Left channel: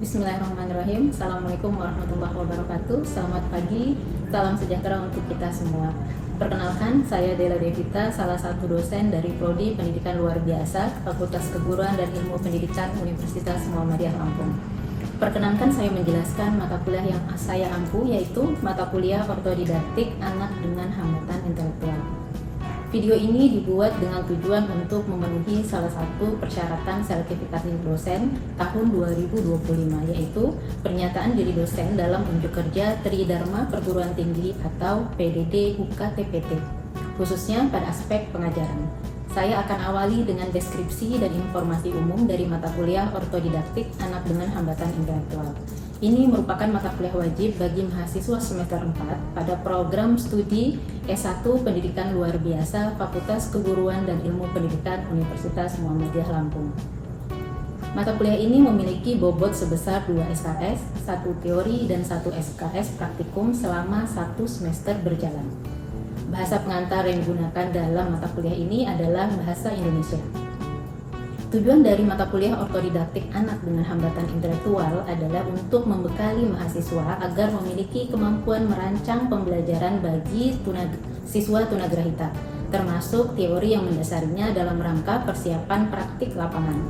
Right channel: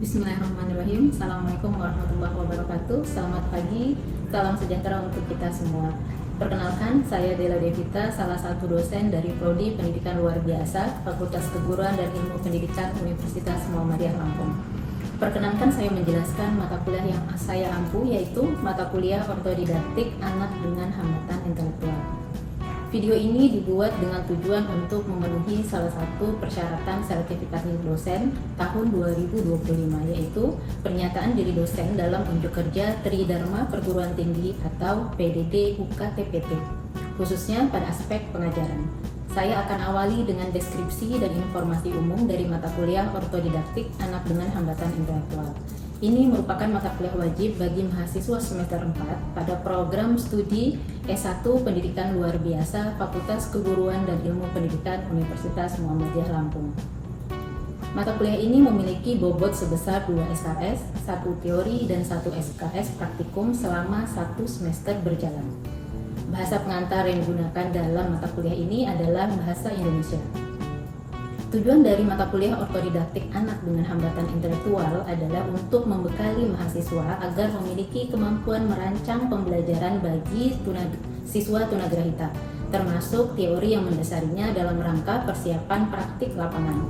Bismillahirrahmanirrahim. Assalamualaikum warahmatullahi wabarakatuh. Selamat pagi, salam sejahtera untuk kita semua. Perkenalkan, saya Dela Devita, salah satu dosen dari Prodi Pendidikan Luar Biasa, Fakultas Keguruan dan Ilmu Pendidikan Universitas Muhammadiyah Lampung. Perkenankan saya menjelaskan mata kuliah yang saya ampu, yaitu mata kuliah Ortodidaktik Anak dengan Hambatan Intelektual. Video ini dibuat dengan tujuan untuk memenuhi salah satu persyaratan sertifikasi dosen tahun 2025, yaitu pernyataan diri dosen dalam unjuk kerja Tridharma Perguruan Tinggi atau PDD UKTPT, khususnya pada aspek pengajaran. Saya akan awali dengan deskripsi dan informasi umum dari mata kuliah Ortodidaktik Anak dengan Hambatan Intelektual. Ini merupakan mata kuliah wajib bagi mahasiswa semester 4 pada program studi S1 Pendidikan Luar Biasa Fakultas Keguruan dan Ilmu Pendidikan Universitas Muhammadiyah Lampung. Mata kuliah ini memiliki bobot sebesar 2 SKS, 1 teori dan 1 SKS praktikum selama 1 semester berjalan. Bahasa pengantar yang digunakan dalam mata kuliah ini adalah bahasa Indonesia. Tujuan dari mata kuliah Ortodidaktik Anak dengan Hambatan Intelektual adalah untuk membekali mahasiswa agar memiliki kemampuan merancang pembelajaran bagi siswa tunagrahita, termasuk teori yang mendasarinya dalam rangka persiapan praktik lapangan.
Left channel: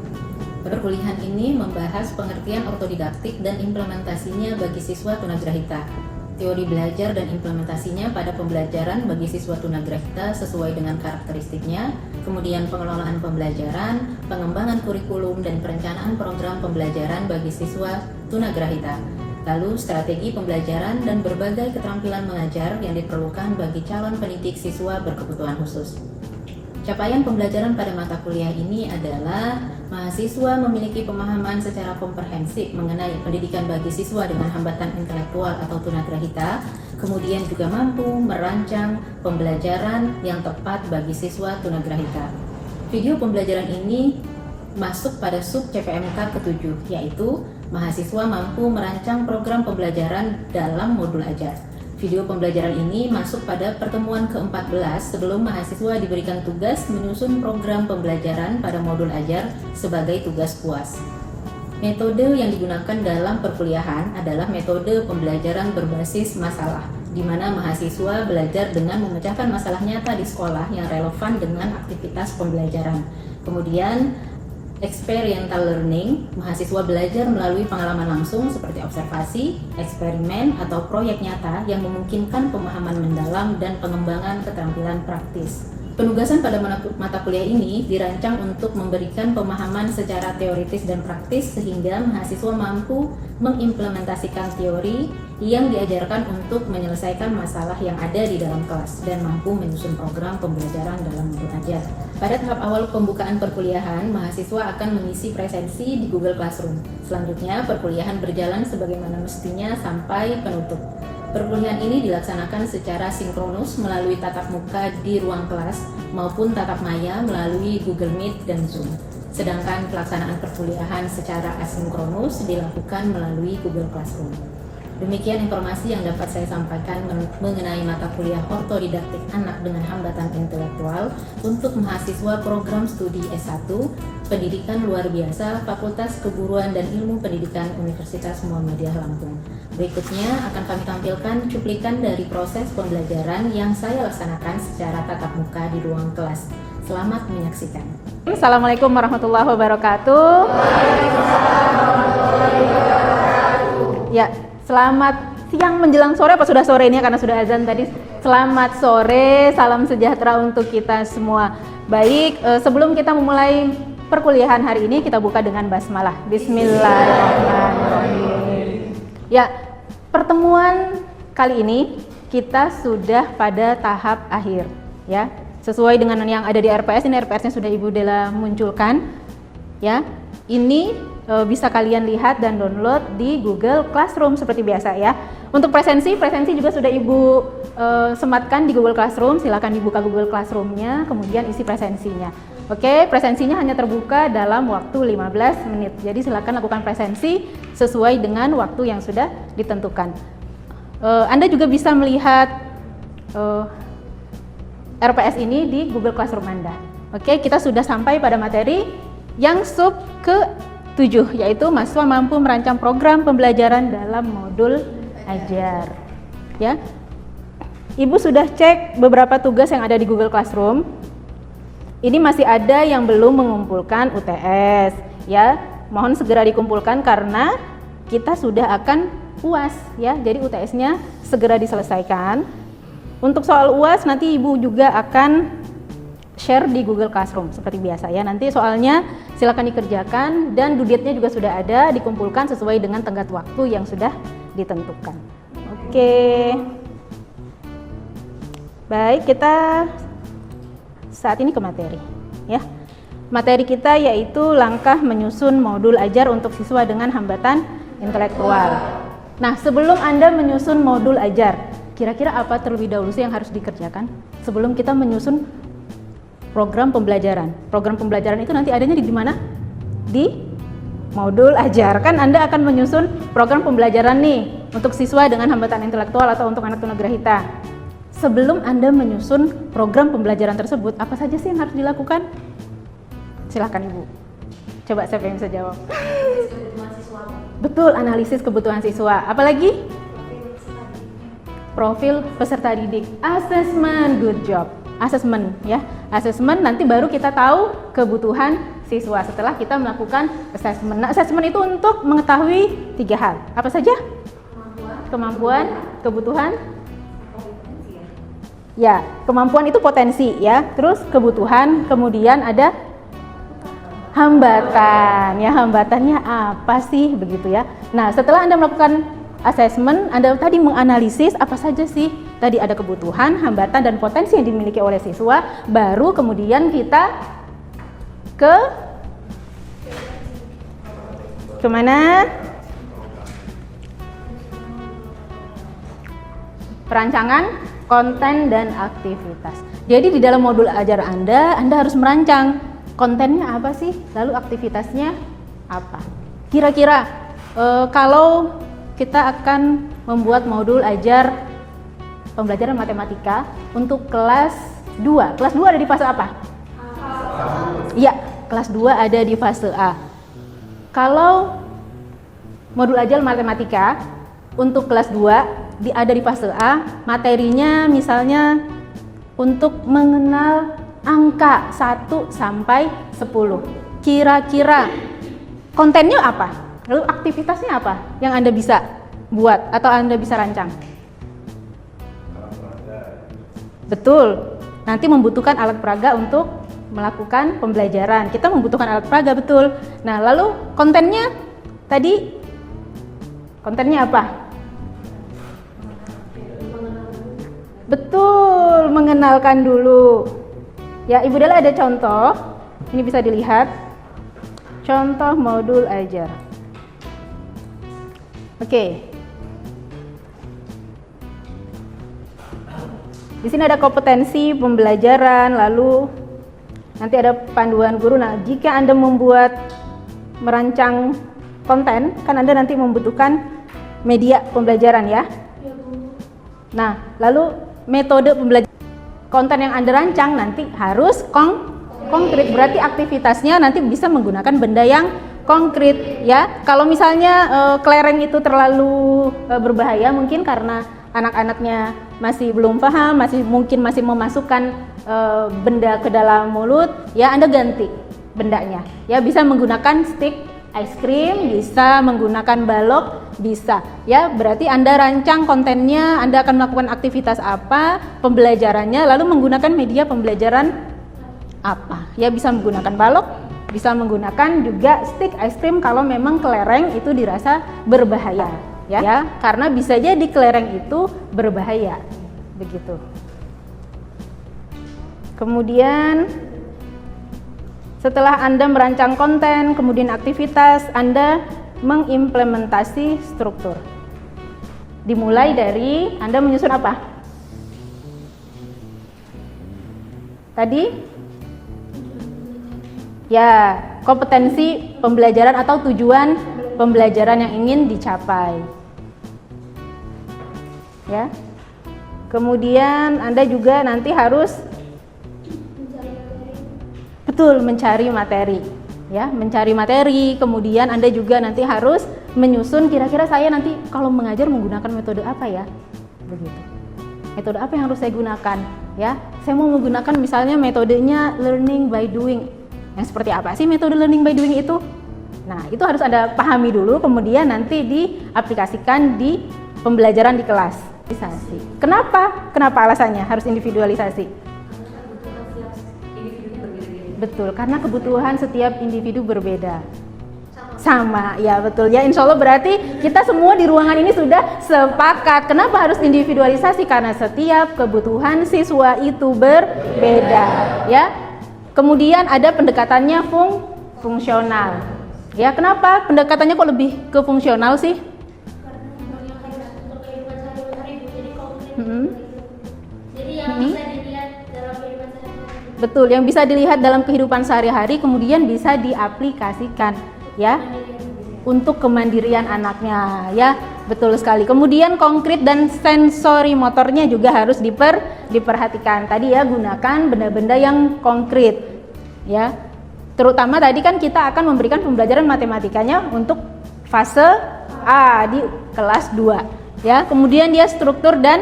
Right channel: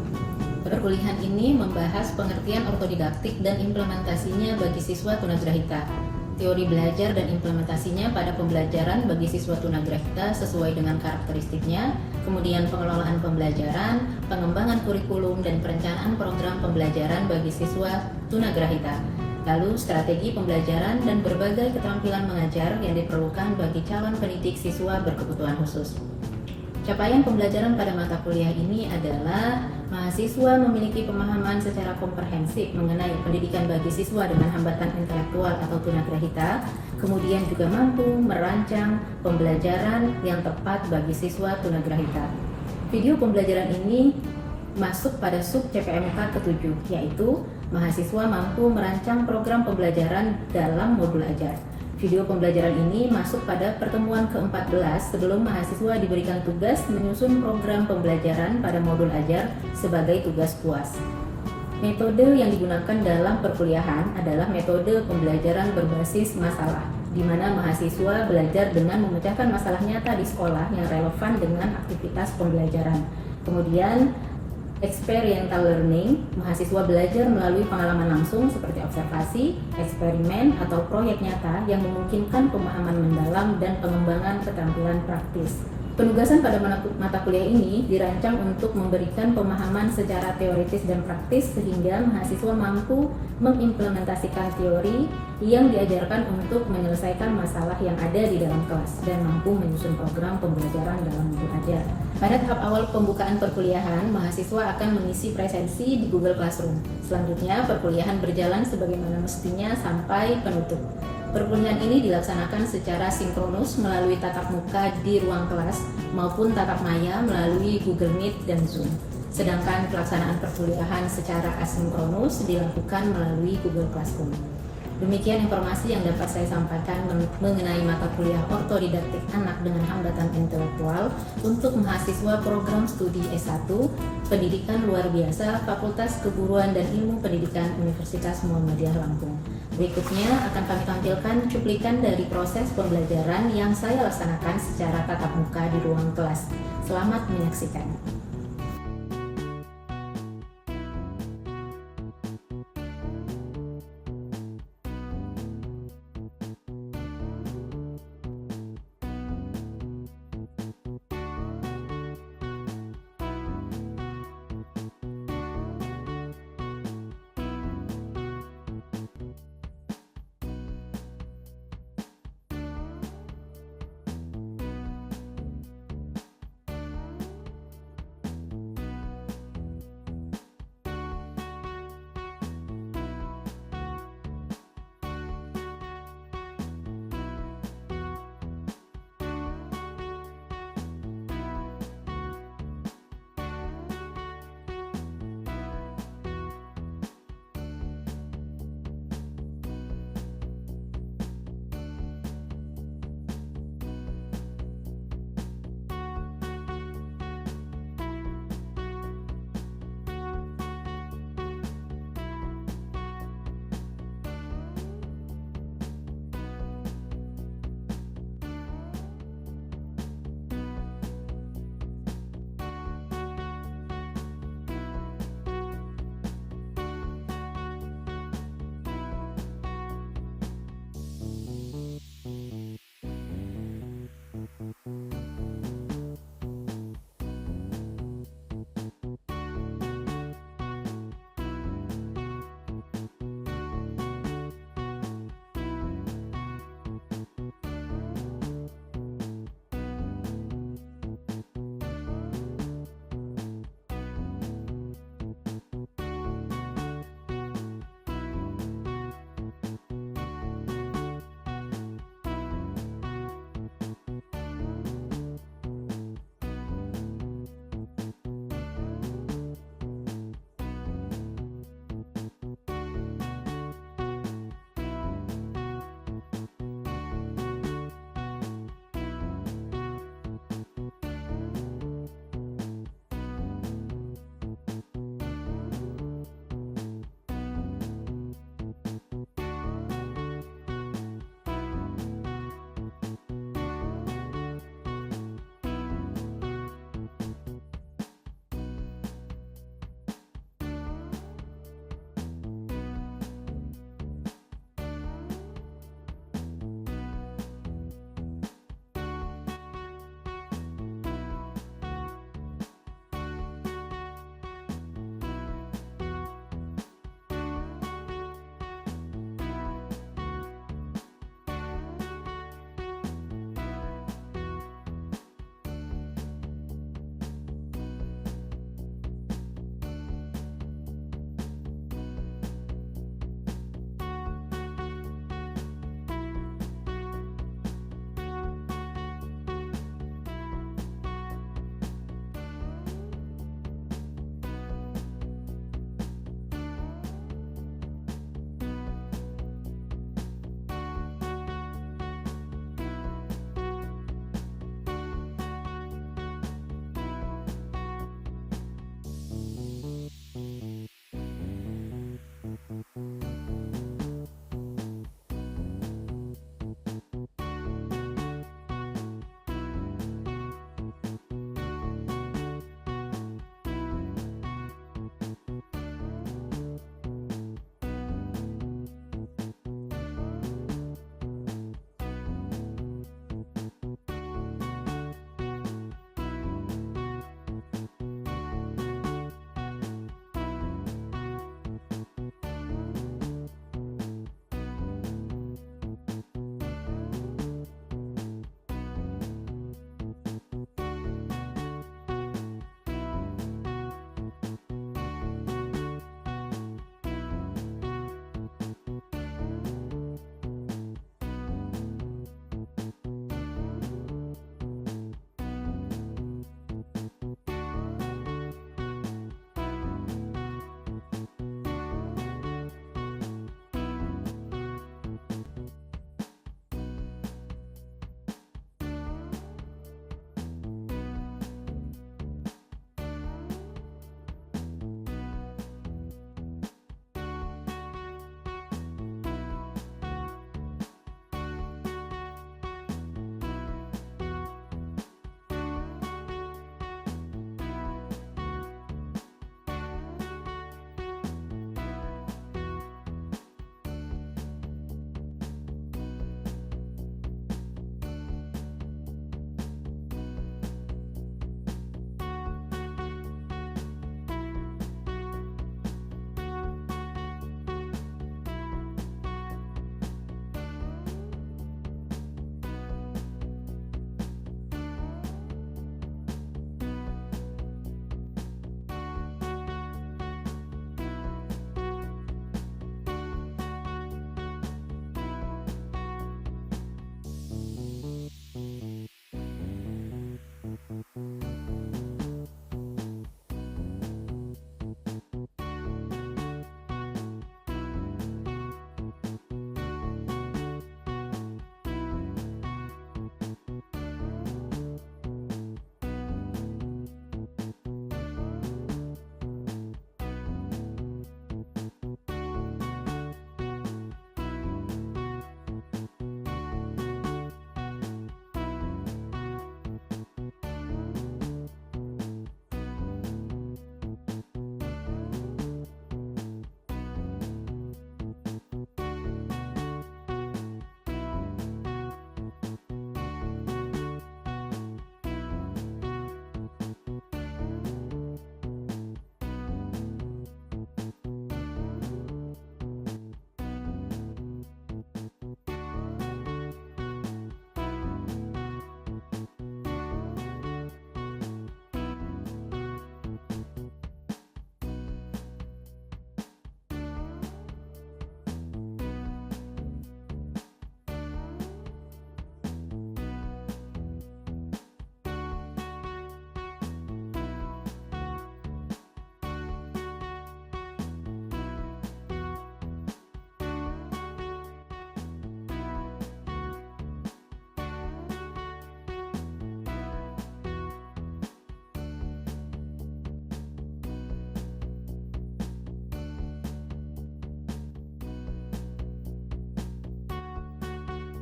Perkuliahan ini membahas pengertian ortodidaktik dan implementasinya bagi siswa tunagrahita, teori belajar dan implementasinya pada pembelajaran bagi siswa tunagrahita sesuai dengan karakteristiknya, kemudian pengelolaan pembelajaran, pengembangan kurikulum dan perencanaan program pembelajaran bagi siswa tunagrahita, lalu strategi pembelajaran dan berbagai keterampilan mengajar yang diperlukan bagi calon pendidik siswa berkebutuhan khusus. Capaian pembelajaran pada mata kuliah ini adalah mahasiswa memiliki pemahaman secara komprehensif mengenai pendidikan bagi siswa dengan hambatan intelektual atau tunagrahita, kemudian juga mampu merancang pembelajaran yang tepat bagi siswa tunagrahita. Video pembelajaran ini masuk pada sub CPMK ke-7, yaitu mahasiswa mampu merancang program pembelajaran dalam modul ajar. Video pembelajaran ini masuk pada pertemuan ke-14 sebelum mahasiswa diberikan tugas menyusun program pembelajaran pada modul ajar sebagai tugas puas. Metode yang digunakan dalam perkuliahan adalah metode pembelajaran berbasis masalah, di mana mahasiswa belajar dengan memecahkan masalah nyata di sekolah yang relevan dengan aktivitas pembelajaran. Kemudian, experiential learning, mahasiswa belajar melalui pengalaman langsung seperti observasi, eksperimen, atau proyek nyata yang memungkinkan pemahaman mendalam dan pengembangan keterampilan praktis. Penugasan pada mata kuliah ini dirancang untuk memberikan pemahaman secara teoritis dan praktis sehingga mahasiswa mampu mengimplementasikan teori yang diajarkan untuk menyelesaikan masalah yang ada di dalam kelas dan mampu menyusun program pembelajaran dalam modul ajar. Pada tahap awal pembukaan perkuliahan, mahasiswa akan mengisi presensi di Google Classroom. Selanjutnya, perkuliahan berjalan sebagaimana mestinya sampai penutup. Perkuliahan ini dilaksanakan secara sinkronus melalui tatap muka di ruang kelas maupun tatap maya melalui Google Meet dan Zoom. Sedangkan pelaksanaan perkuliahan secara asinkronus dilakukan melalui Google Classroom. Demikian informasi yang dapat saya sampaikan mengenai mata kuliah Ortodidaktik Anak dengan Hambatan Intelektual untuk mahasiswa program studi S1 Pendidikan Luar Biasa Fakultas Keguruan dan Ilmu Pendidikan Universitas Muhammadiyah Lampung. Berikutnya akan kami tampilkan cuplikan dari proses pembelajaran yang saya laksanakan secara tatap muka di ruang kelas. Selamat menyaksikan. Assalamualaikum warahmatullahi wabarakatuh. Ya, selamat siang menjelang sore, apa sudah sore ini karena sudah azan tadi. Selamat sore, salam sejahtera untuk kita semua. Baik, sebelum kita memulai perkuliahan hari ini, kita buka dengan basmalah. Bismillahirrahmanirrahim. Ya, pertemuan kali ini kita sudah pada tahap akhir, ya. Sesuai dengan yang ada di RPS, ini RPS-nya sudah Ibu Dela munculkan, ya. Ini bisa kalian lihat dan download di Google Classroom seperti biasa, ya. Untuk presensi juga sudah Ibu sematkan di Google Classroom. Silakan dibuka Google Classroom-nya, kemudian isi presensinya. Oke, presensinya hanya terbuka dalam waktu 15 menit. Jadi silakan lakukan presensi sesuai dengan waktu yang sudah ditentukan. Anda juga bisa melihat RPS ini di Google Classroom Anda. Oke, kita sudah sampai pada materi yang sub ke 7, yaitu mahasiswa mampu merancang program pembelajaran dalam modul ajar. Ya, Ibu sudah cek beberapa tugas yang ada di Google Classroom. Ini masih ada yang belum mengumpulkan UTS, ya. Mohon segera dikumpulkan karena kita sudah akan UAS, ya. Jadi UTS-nya segera diselesaikan. Untuk soal UAS nanti Ibu juga akan share di Google Classroom seperti biasa, ya. Nanti soalnya silakan dikerjakan dan due date-nya juga sudah ada, dikumpulkan sesuai dengan tenggat waktu yang sudah ditentukan. Oke. Baik, kita saat ini ke materi, ya. Materi kita yaitu langkah menyusun modul ajar untuk siswa dengan hambatan intelektual. Nah, sebelum Anda menyusun modul ajar, kira-kira apa terlebih dahulu sih yang harus dikerjakan sebelum kita menyusun program pembelajaran? Program pembelajaran itu nanti adanya di mana? Di modul ajar. Kan Anda akan menyusun program pembelajaran nih untuk siswa dengan hambatan intelektual atau untuk anak tunagrahita. Sebelum Anda menyusun program pembelajaran tersebut, apa saja sih yang harus dilakukan? Silahkan Ibu. Coba siapa yang bisa jawab? Betul, analisis kebutuhan siswa. Apalagi? Profil peserta didik. Assessment, good job. Assessment, ya. Assessment nanti baru kita tahu kebutuhan siswa setelah kita melakukan assessment. Nah, assessment itu untuk mengetahui 3 hal. Apa saja? Kemampuan, kebutuhan. Ya, kemampuan itu potensi, ya. Terus kebutuhan, kemudian ada hambatan. Ya, hambatannya apa sih begitu, ya. Nah, setelah Anda melakukan assessment, Anda tadi menganalisis apa saja sih tadi ada kebutuhan, hambatan dan potensi yang dimiliki oleh siswa, baru kemudian kita kemana? Perancangan konten dan aktivitas. Jadi di dalam modul ajar Anda harus merancang kontennya apa sih, lalu aktivitasnya apa. Kira-kira kalau kita akan membuat modul ajar pembelajaran matematika untuk kelas 2. Kelas 2 ada di fase apa? Iya, kelas 2 ada di fase A. Kalau modul ajar matematika untuk kelas 2 ada di fase A, materinya misalnya untuk mengenal angka 1 sampai 10. Kira-kira kontennya apa? Lalu aktivitasnya apa yang Anda bisa buat atau Anda bisa rancang? Betul, nanti membutuhkan alat peraga untuk melakukan pembelajaran. Kita membutuhkan alat peraga, betul. Nah, lalu kontennya tadi, kontennya apa? Betul, mengenalkan dulu. Ya, Ibu Dela ada contoh. Ini bisa dilihat. Contoh modul ajar. Oke. Di sini ada kompetensi pembelajaran, lalu nanti ada panduan guru. Nah, jika Anda merancang konten, kan Anda nanti membutuhkan media pembelajaran, ya. Nah, lalu metode pembelajaran konten yang Anda rancang nanti harus konkret, berarti aktivitasnya nanti bisa menggunakan benda yang konkret, ya. Kalau misalnya kelereng itu terlalu berbahaya mungkin karena anak-anaknya masih belum paham, mungkin masih memasukkan benda ke dalam mulut, ya Anda ganti bendanya. Ya, bisa menggunakan stick ice cream, bisa menggunakan balok, bisa. Ya, berarti Anda rancang kontennya, Anda akan melakukan aktivitas apa, pembelajarannya, lalu menggunakan media pembelajaran apa. Ya, bisa menggunakan balok, bisa menggunakan juga stick ice cream kalau memang kelereng itu dirasa berbahaya. Ya, karena bisa jadi kelereng itu berbahaya, begitu. Kemudian setelah Anda merancang konten, kemudian aktivitas, Anda mengimplementasi struktur. Dimulai dari Anda menyusun apa? Tadi? Ya, kompetensi pembelajaran atau tujuan pembelajaran yang ingin dicapai. Ya. Kemudian Anda juga nanti harus betul mencari materi. ya, mencari materi. Kemudian Anda juga nanti harus menyusun kira-kira saya nanti kalau mengajar menggunakan metode apa ya, begitu. Metode apa yang harus saya gunakan, ya? Saya mau menggunakan misalnya metodenya learning by doing. Yang seperti apa sih metode learning by doing itu? Nah, itu harus Anda pahami dulu, kemudian nanti diaplikasikan di pembelajaran di kelas. Kenapa? Kenapa alasannya harus individualisasi? Betul, karena kebutuhan setiap individu berbeda. Sama, ya betul ya. Insya Allah berarti kita semua di ruangan ini sudah sepakat. Kenapa harus individualisasi? Karena setiap kebutuhan siswa itu berbeda, ya. Kemudian ada pendekatannya fungsional. Ya, kenapa pendekatannya kok lebih ke fungsional sih? Betul, yang bisa dilihat dalam kehidupan sehari-hari kemudian bisa diaplikasikan, ya, untuk kemandirian anaknya, ya. Betul sekali. Kemudian konkret dan sensori motornya juga harus diperhatikan. Tadi ya, gunakan benda-benda yang konkret, ya. Terutama tadi kan kita akan memberikan pembelajaran matematikanya untuk fase A di kelas 2, ya. Kemudian dia struktur dan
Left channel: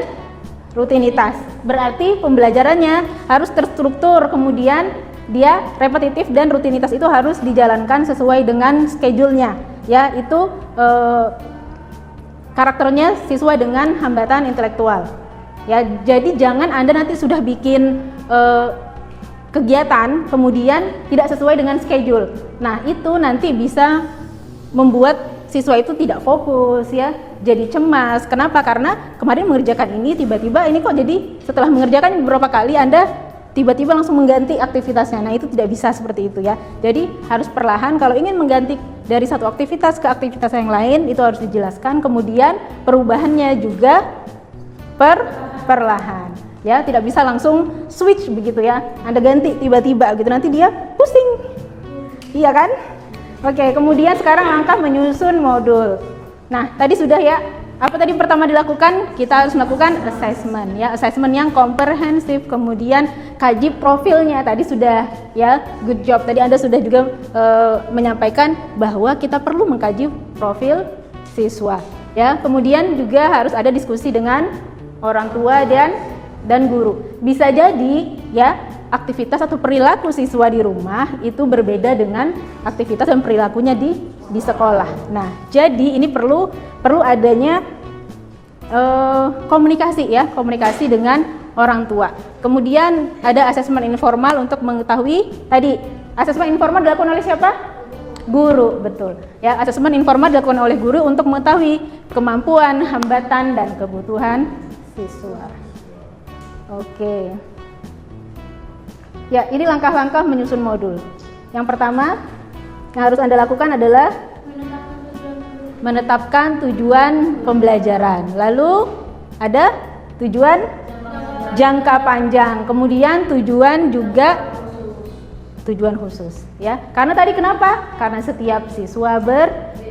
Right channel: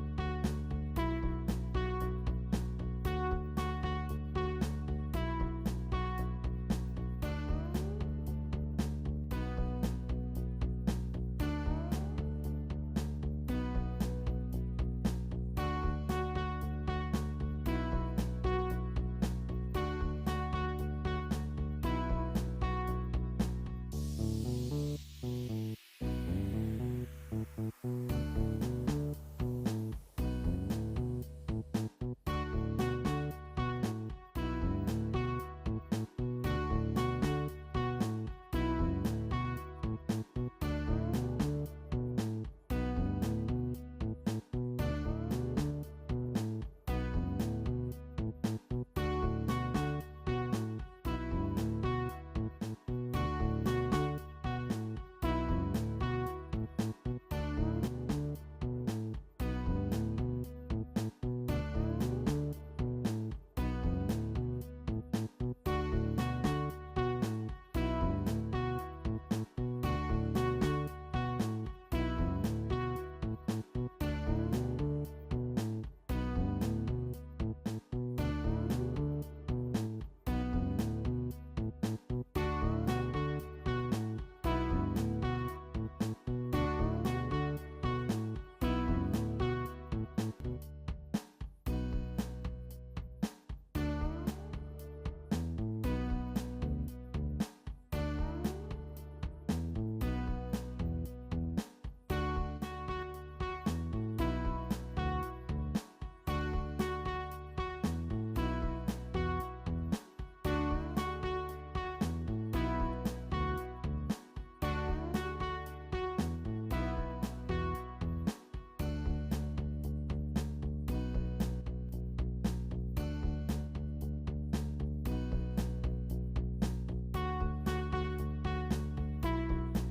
rutinitas. Berarti pembelajarannya harus terstruktur, kemudian dia repetitif dan rutinitas itu harus dijalankan sesuai dengan schedule-nya, ya. Itu karakternya sesuai dengan hambatan intelektual, ya. Jadi jangan Anda nanti sudah bikin kegiatan kemudian tidak sesuai dengan schedule. Nah, itu nanti bisa membuat siswa itu tidak fokus, ya, jadi cemas. Kenapa? Karena kemarin mengerjakan ini, tiba-tiba ini kok jadi setelah mengerjakan beberapa kali Anda tiba-tiba langsung mengganti aktivitasnya. Nah, itu tidak bisa seperti itu, ya. Jadi harus perlahan. Kalau ingin mengganti dari satu aktivitas ke aktivitas yang lain itu harus dijelaskan. Kemudian perubahannya juga perlahan, ya. Tidak bisa langsung switch begitu, ya. Anda ganti tiba-tiba gitu, nanti dia pusing, iya kan? Oke, kemudian sekarang langkah menyusun modul. Nah, tadi sudah ya, apa tadi pertama dilakukan? Kita harus melakukan assessment, ya, assessment yang komprehensif, kemudian kaji profilnya. Tadi sudah, ya, good job. Tadi Anda sudah juga menyampaikan bahwa kita perlu mengkaji profil siswa, ya. Kemudian juga harus ada diskusi dengan orang tua dan guru. Bisa jadi, ya, aktivitas atau perilaku siswa di rumah itu berbeda dengan aktivitas dan perilakunya di sekolah. Nah, jadi ini perlu adanya komunikasi, ya, komunikasi dengan orang tua. Kemudian ada asesmen informal untuk mengetahui tadi. Asesmen informal dilakukan oleh siapa? Guru, betul. Ya, asesmen informal dilakukan oleh guru untuk mengetahui kemampuan, hambatan dan kebutuhan siswa. Oke. Ya, ini langkah-langkah menyusun modul. Yang pertama yang harus Anda lakukan adalah menetapkan tujuan pembelajaran. Lalu ada tujuan jangka panjang, kemudian tujuan khusus, ya. Karena tadi kenapa? Karena setiap siswa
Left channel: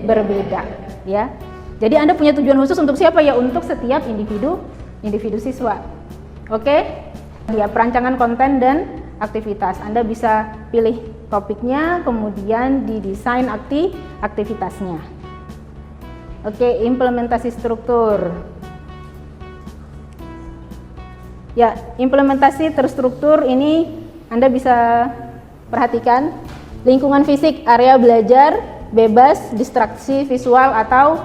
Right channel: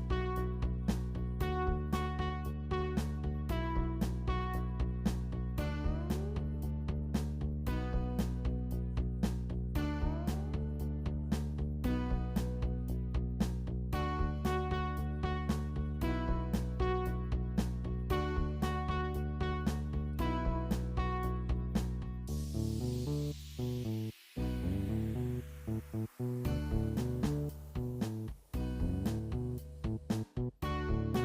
berbeda, ya. Jadi Anda punya tujuan khusus untuk siapa, ya? Untuk setiap individu siswa. Oke? Ya, perancangan konten dan aktivitas. Anda bisa pilih topiknya, kemudian didesain aktivitasnya. Oke, implementasi struktur. Ya, implementasi terstruktur ini Anda bisa perhatikan lingkungan fisik, area belajar, bebas, distraksi visual atau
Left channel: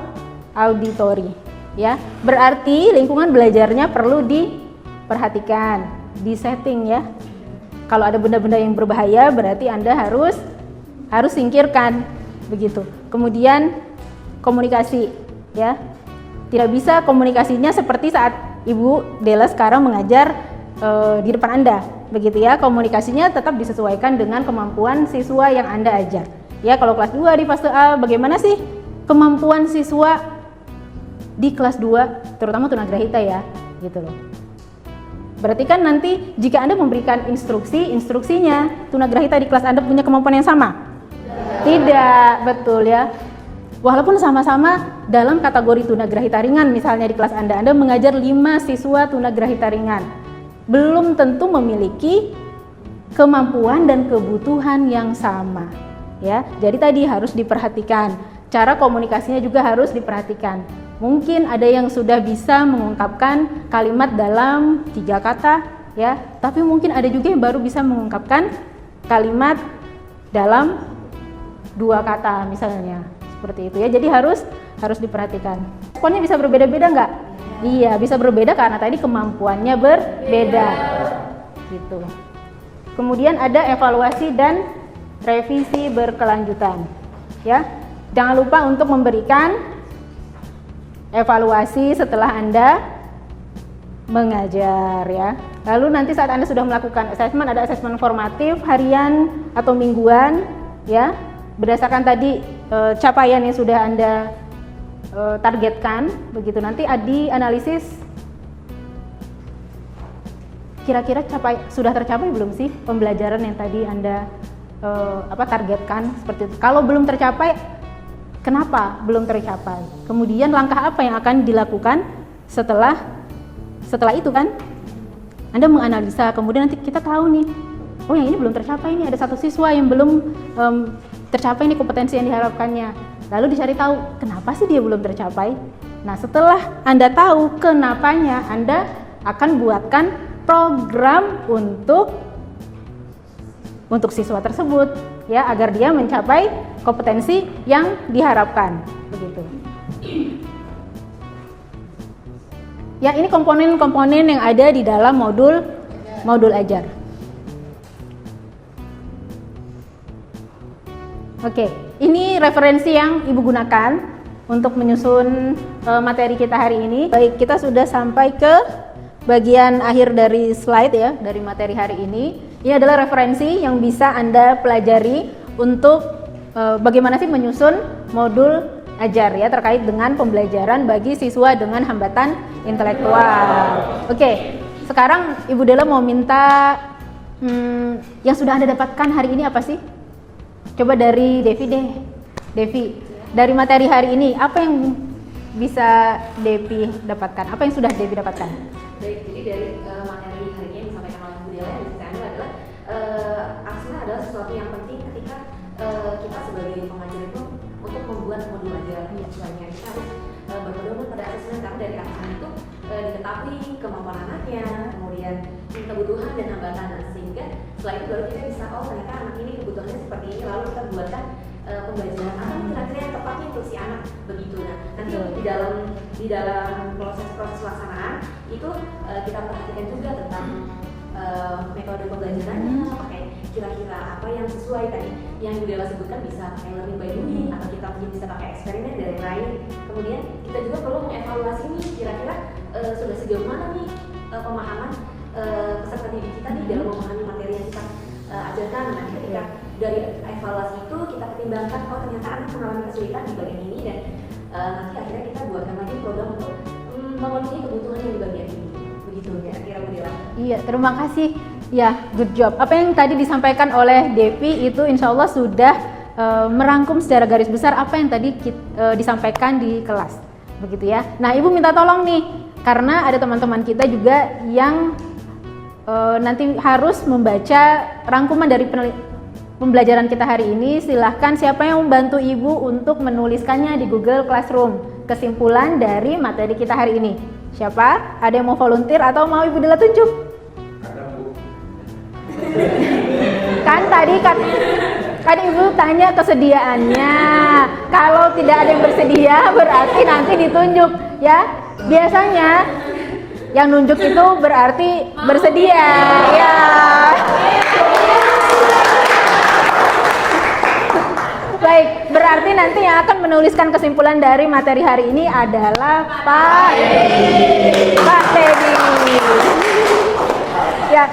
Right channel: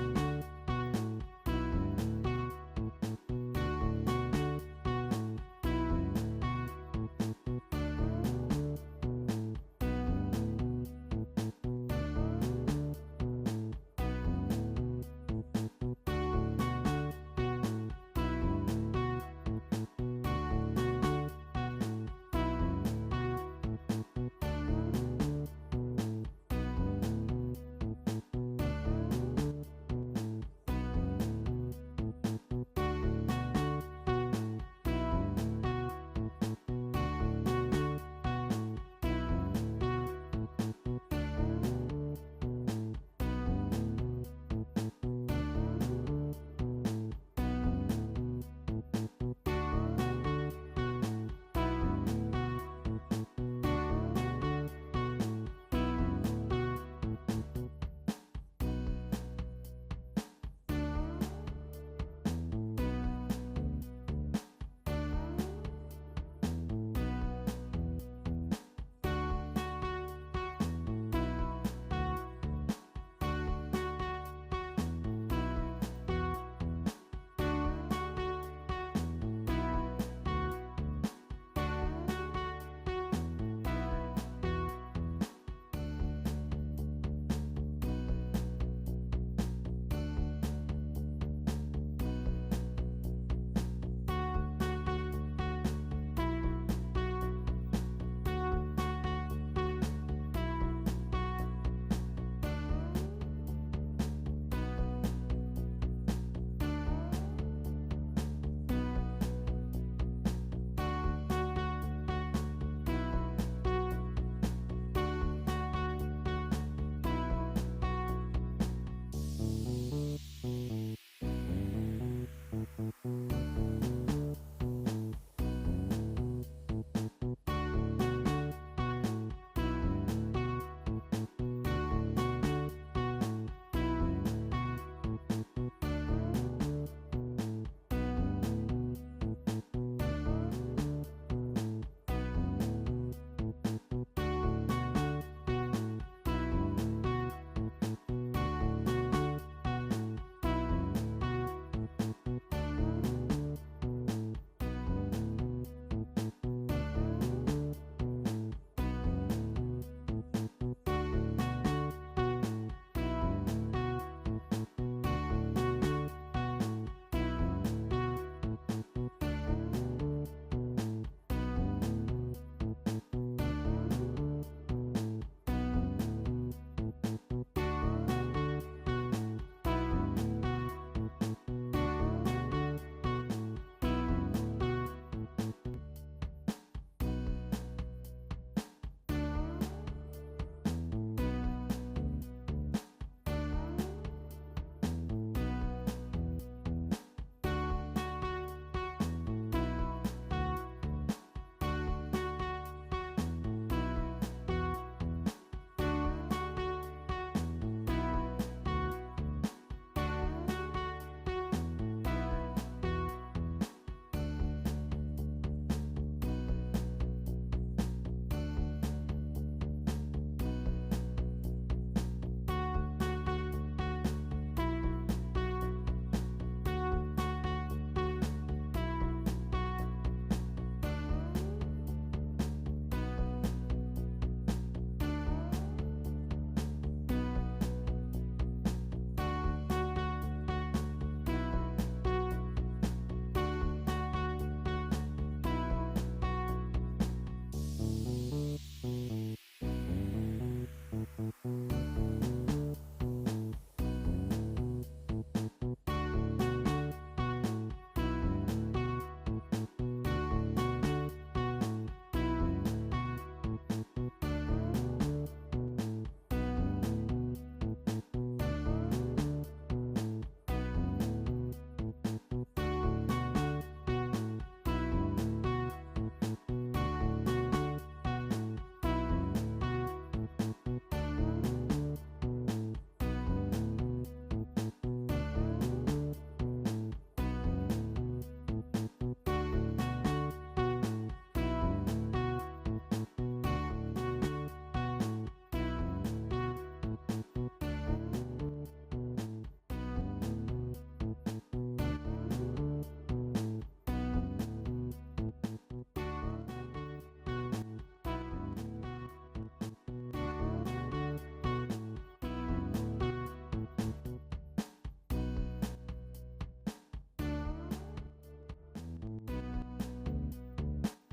auditori, ya. Berarti lingkungan belajarnya perlu diperhatikan, disetting, ya. Kalau ada benda-benda yang berbahaya berarti Anda harus singkirkan begitu. Kemudian komunikasi, ya. Tidak bisa komunikasinya seperti saat Ibu Dela sekarang mengajar di depan Anda, begitu, ya. Komunikasinya tetap disesuaikan dengan kemampuan siswa yang Anda ajar. Ya, kalau kelas 2 di fase A, bagaimana sih kemampuan siswa di kelas 2 terutama tunagrahita, ya, gitu loh. Berarti kan nanti jika Anda memberikan instruksinya tunagrahita di kelas Anda punya kemampuan yang sama? Tidak, betul, ya. Walaupun sama-sama dalam kategori tunagrahita ringan, misalnya di kelas Anda mengajar 5 siswa tunagrahita ringan, belum tentu memiliki kemampuan dan kebutuhan yang sama. ya. Jadi tadi harus diperhatikan. Cara komunikasinya juga harus diperhatikan. Mungkin ada yang sudah bisa mengungkapkan kalimat dalam 3 kata, ya. Tapi mungkin ada juga yang baru bisa mengungkapkan kalimat dalam 2 kata misalnya. Seperti itu ya. Jadi harus diperhatikan. Responnya bisa berbeda-beda nggak? Iya, bisa berbeda karena tadi kemampuannya berbeda. Gitu. Kemudian ada evaluasi dan revisi berkelanjutan. Ya. Jangan lupa untuk memberikan evaluasi setelah Anda mengajar ya. Lalu nanti saat Anda sudah melakukan assessment, ada assessment formatif harian atau mingguan ya. Berdasarkan tadi capaian yang sudah Anda targetkan, begitu nanti dianalisis kira-kira sudah tercapai belum sih pembelajaran yang tadi Anda targetkan seperti itu. Kalau belum tercapai, kenapa belum tercapai? Kemudian langkah apa yang akan dilakukan setelah itu kan? Anda menganalisa, kemudian nanti kita tahu nih, oh yang ini belum tercapai nih, ada satu siswa yang belum tercapai nih kompetensi yang diharapkannya. Lalu dicari tahu, kenapa sih dia belum tercapai? Nah setelah Anda tahu kenapanya, Anda akan buatkan program untuk siswa tersebut ya, agar dia mencapai kompetensi yang diharapkan begitu. Ya, ini komponen-komponen yang ada di dalam modul ajar. Oke, ini referensi yang Ibu gunakan untuk menyusun materi kita hari ini. Baik, kita sudah sampai ke bagian akhir dari slide ya, dari materi hari ini. Ini adalah referensi yang bisa Anda pelajari untuk bagaimana sih menyusun modul ajar ya, terkait dengan pembelajaran bagi siswa dengan hambatan intelektual. Oke, sekarang Ibu Dela mau minta yang sudah Anda dapatkan hari ini apa sih? Coba dari Devi deh. Devi, dari materi hari ini apa yang bisa Devi dapatkan? Apa yang sudah Devi dapatkan? Baik, jadi dari materi hari ini yang disampaikan oleh Bu Dela dan adalah aksara adalah sesuatu yang penting ketika kita sebagai pengajar itu untuk membuat modul ajar. Misalnya kita harus berpedoman pada asesmen, karena dari aksara itu diketahui kemampuan anaknya, kemudian kebutuhan dan hambatan, sehingga setelah itu baru kita bisa, oh ternyata anak ini kebutuhannya seperti ini, lalu kita buatkan pembelajaran apa kira-kira yang tepatnya untuk si anak begitu. Nah nanti di dalam proses pelaksanaan itu kita perhatikan juga tentang metode pembelajarannya, pakai kira-kira apa yang sesuai tadi yang Bu Dela sebutkan, bisa pakai learning by doing atau kita mungkin bisa pakai eksperimen dan lain-lain. Kemudian kita juga perlu mengevaluasi nih kira-kira sudah sejauh mana nih pemahaman peserta didik kita nih dalam memahami materi yang kita ajarkan. Nah ketika dari evaluasi itu kita pertimbangkan, oh ternyata anak mengalami kesulitan di bagian ini, dan nanti akhirnya kita buatkan lagi program untuk memenuhi kebutuhan yang di bagian ini. Begitu ya kira Bu Dela. Iya, terima kasih. Ya, good job. Apa yang tadi disampaikan oleh Devi itu insya Allah sudah merangkum secara garis besar apa yang tadi disampaikan di kelas. Begitu ya. Nah, Ibu minta tolong nih, karena ada teman-teman kita juga yang nanti harus membaca rangkuman dari pembelajaran kita hari ini. Silahkan siapa yang membantu Ibu untuk menuliskannya di Google Classroom, kesimpulan dari materi kita hari ini. Siapa? Ada yang mau volunteer atau mau Ibu Dela tunjuk? Ada, Bu. Kan tadi Ibu tanya kesediaannya. Kalau tidak ada yang bersedia berarti nanti ditunjuk ya. Biasanya yang nunjuk itu berarti bersedia ya. Baik, berarti nanti yang akan menuliskan kesimpulan dari materi hari ini adalah Pak Teddy. Ya,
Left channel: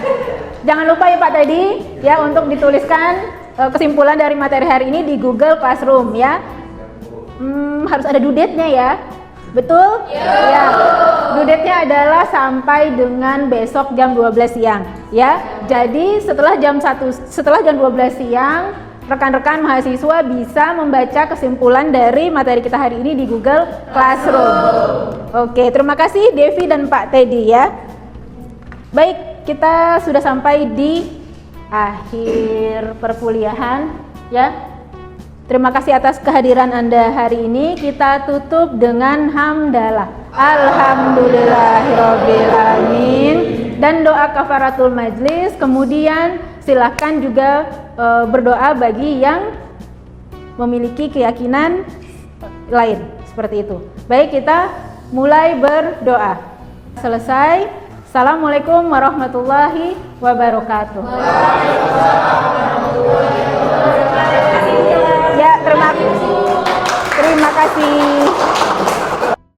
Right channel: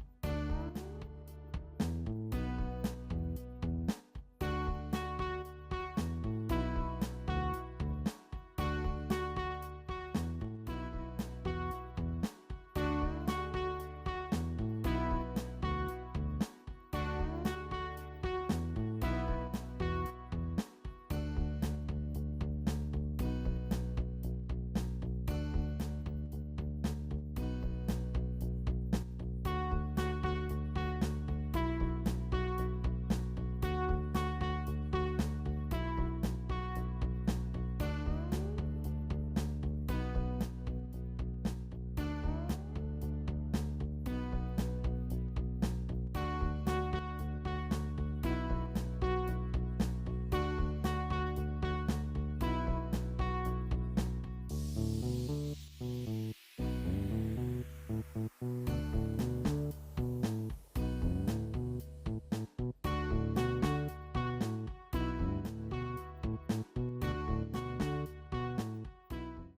jangan lupa ya Pak Teddy ya untuk dituliskan kesimpulan dari materi hari ini di Google Classroom ya. Harus ada due date-nya ya. Betul? Ya. Due date-nya adalah sampai dengan besok jam 12 siang ya. Jadi setelah jam 12 siang rekan-rekan mahasiswa bisa membaca kesimpulan dari materi kita hari ini di Google Classroom. Oke, terima kasih Devi dan Pak Teddy ya. Baik, kita sudah sampai di akhir perkuliahan ya. Terima kasih atas kehadiran Anda hari ini. Kita tutup dengan hamdalah. Alhamdulillahirabbil alamin dan doa kafaratul majlis. Kemudian silahkan juga berdoa bagi yang memiliki keyakinan lain seperti itu. Baik, kita mulai berdoa. Selesai. Assalamualaikum warahmatullahi wabarakatuh. Ya, terima kasih.